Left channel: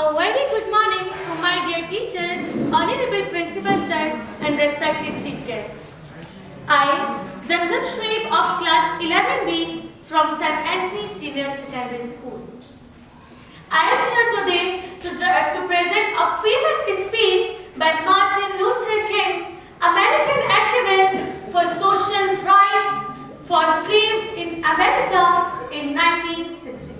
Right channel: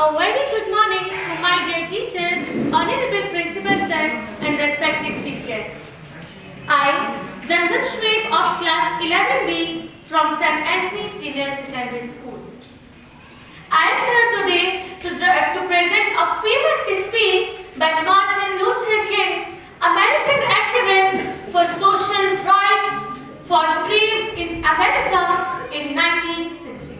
A very good morning to my dear teachers, honorable principal sir and respected chief guests. I, Zamzam Shoaib of class 11B from St. Anthony Senior Secondary School. I am here today to present a famous speech by Martin Luther King, American activist for social rights for slaves in America in 1963.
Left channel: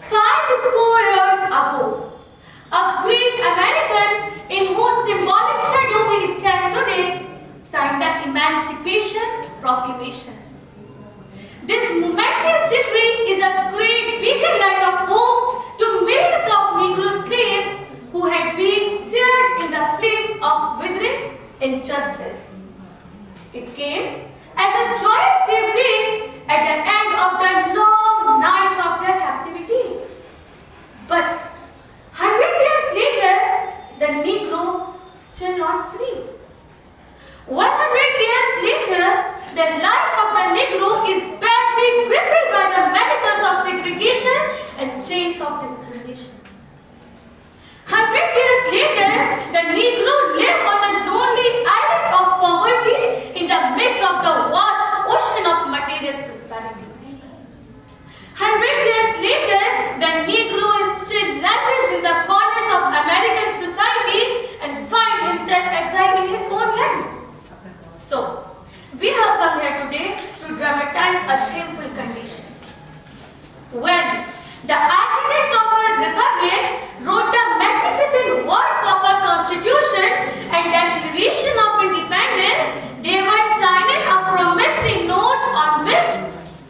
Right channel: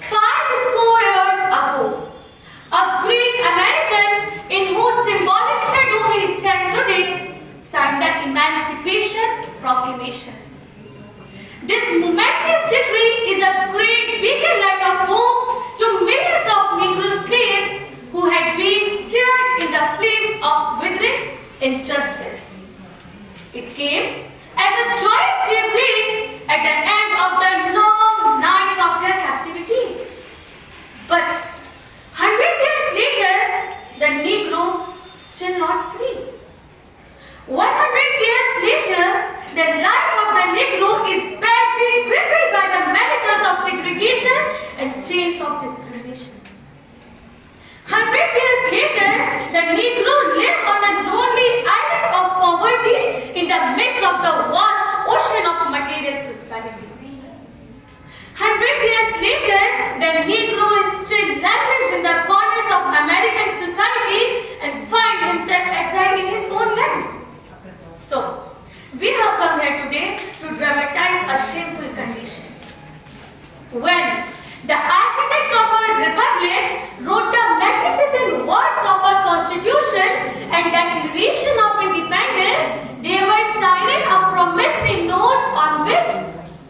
5 years ago, a great American in whose symbolic shadow we stand today signed the Emancipation Proclamation. This momentous decree is a great beacon light of hope to millions of Negro slaves who had been seared in the flames of withering injustice. It came as a joyous daybreak at the end of the long night of their captivity. But 100 years later, the Negro is still not free. 100 years later, the life of the Negro is badly crippled by the manacles of segregation and chains of discriminations. 100 years later, the Negro lives on a lonely island of poverty in the midst of the vast ocean of material prosperity. 100 years later, the Negro is still languished in the corners of American society and finds himself exiled in his own land. So, we have come here today to dramatize a shameful condition. When the architects of our republic wrote the magnificent words of our constitution and declaration of independence, they were signing a promissory note on which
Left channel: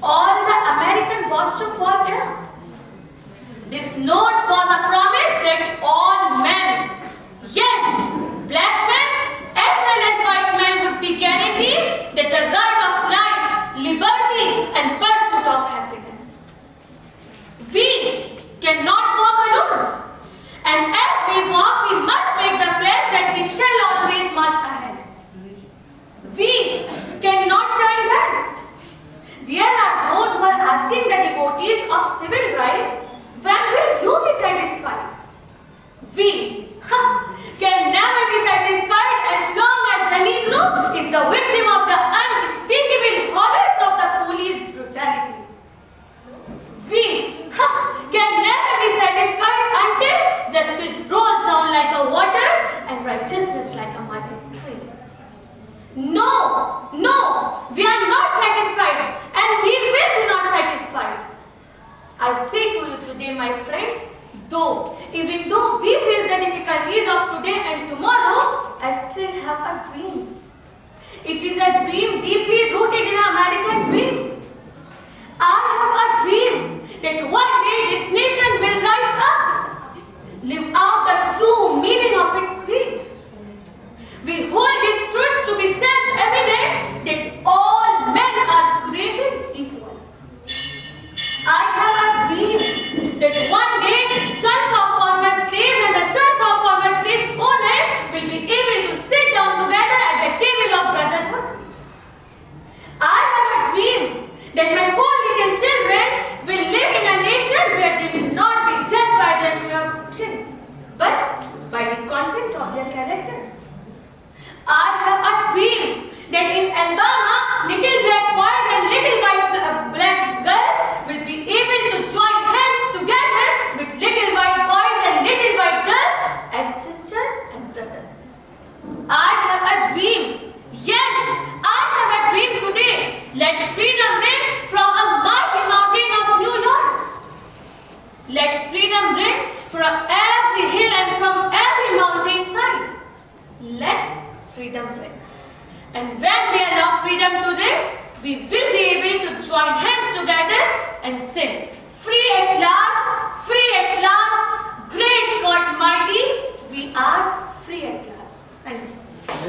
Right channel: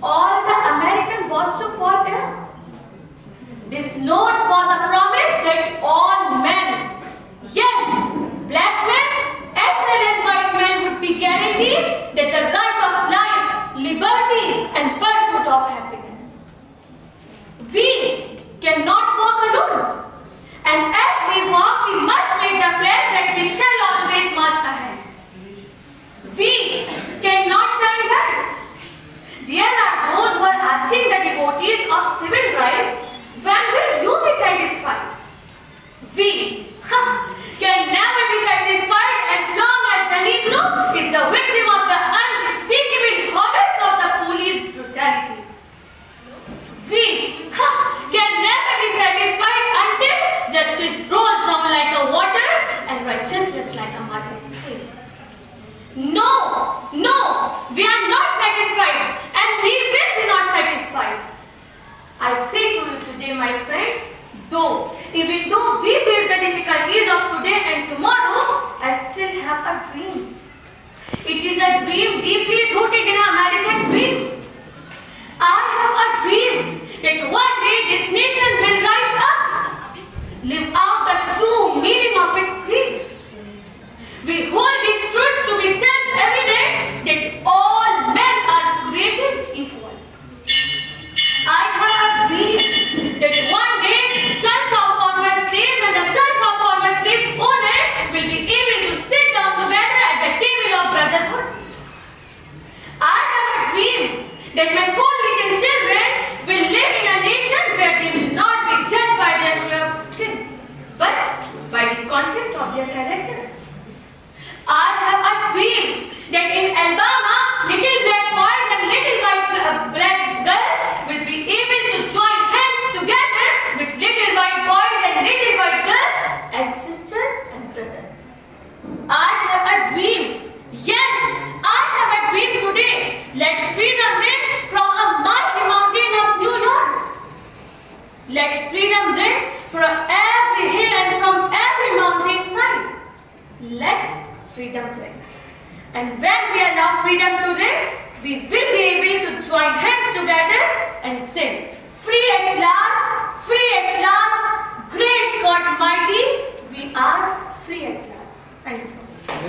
all the American was to fall ill. This note was a promise that all men, yes, black men as well as white men, would be guaranteed that the right of life, liberty and pursuit of happiness. We cannot walk alone, and as we walk, we must make the pledge that we shall always march ahead. We cannot turn back. There are those who are asking the devotees of civil rights, when will you be satisfied? We can never be satisfied as long as the Negro is the victim of the unspeakable horrors of the police brutality. We can never be satisfied until justice rolls down like a waters and righteousness like a muddy stream. No, we are not satisfied and we will be not satisfied. I say to you today, my friends, even though we face the difficulties of today and tomorrow, I still have a dream. It is a dream deeply rooted in an American dream. I have a dream that one day this nation will rise up, live out the true meaning of its creed. We hold these truths to be self-evident that all men are created equal. I have a dream that one day sons of former slaves and the sons of former slaves owners will be able to sit down together at the table of brotherhood. I have a dream that my 4 little children will live in a nation where they will not be judged by their color of skin, but by the content of their character. I have a dream that in Alabama, little black boys and little black girls will be able to join hands together with little white boys and little white girls as sisters and brothers. I have a dream. Yes, I have a dream today. Let freedom ring from a mighty mountain of New York. Let freedom ring from every hill and from every mountain side. Let freedom ring. And when we allow freedom to ring, we will be able to join hands together and sing, free at last, great God mighty, we are free at last. Thank you so much.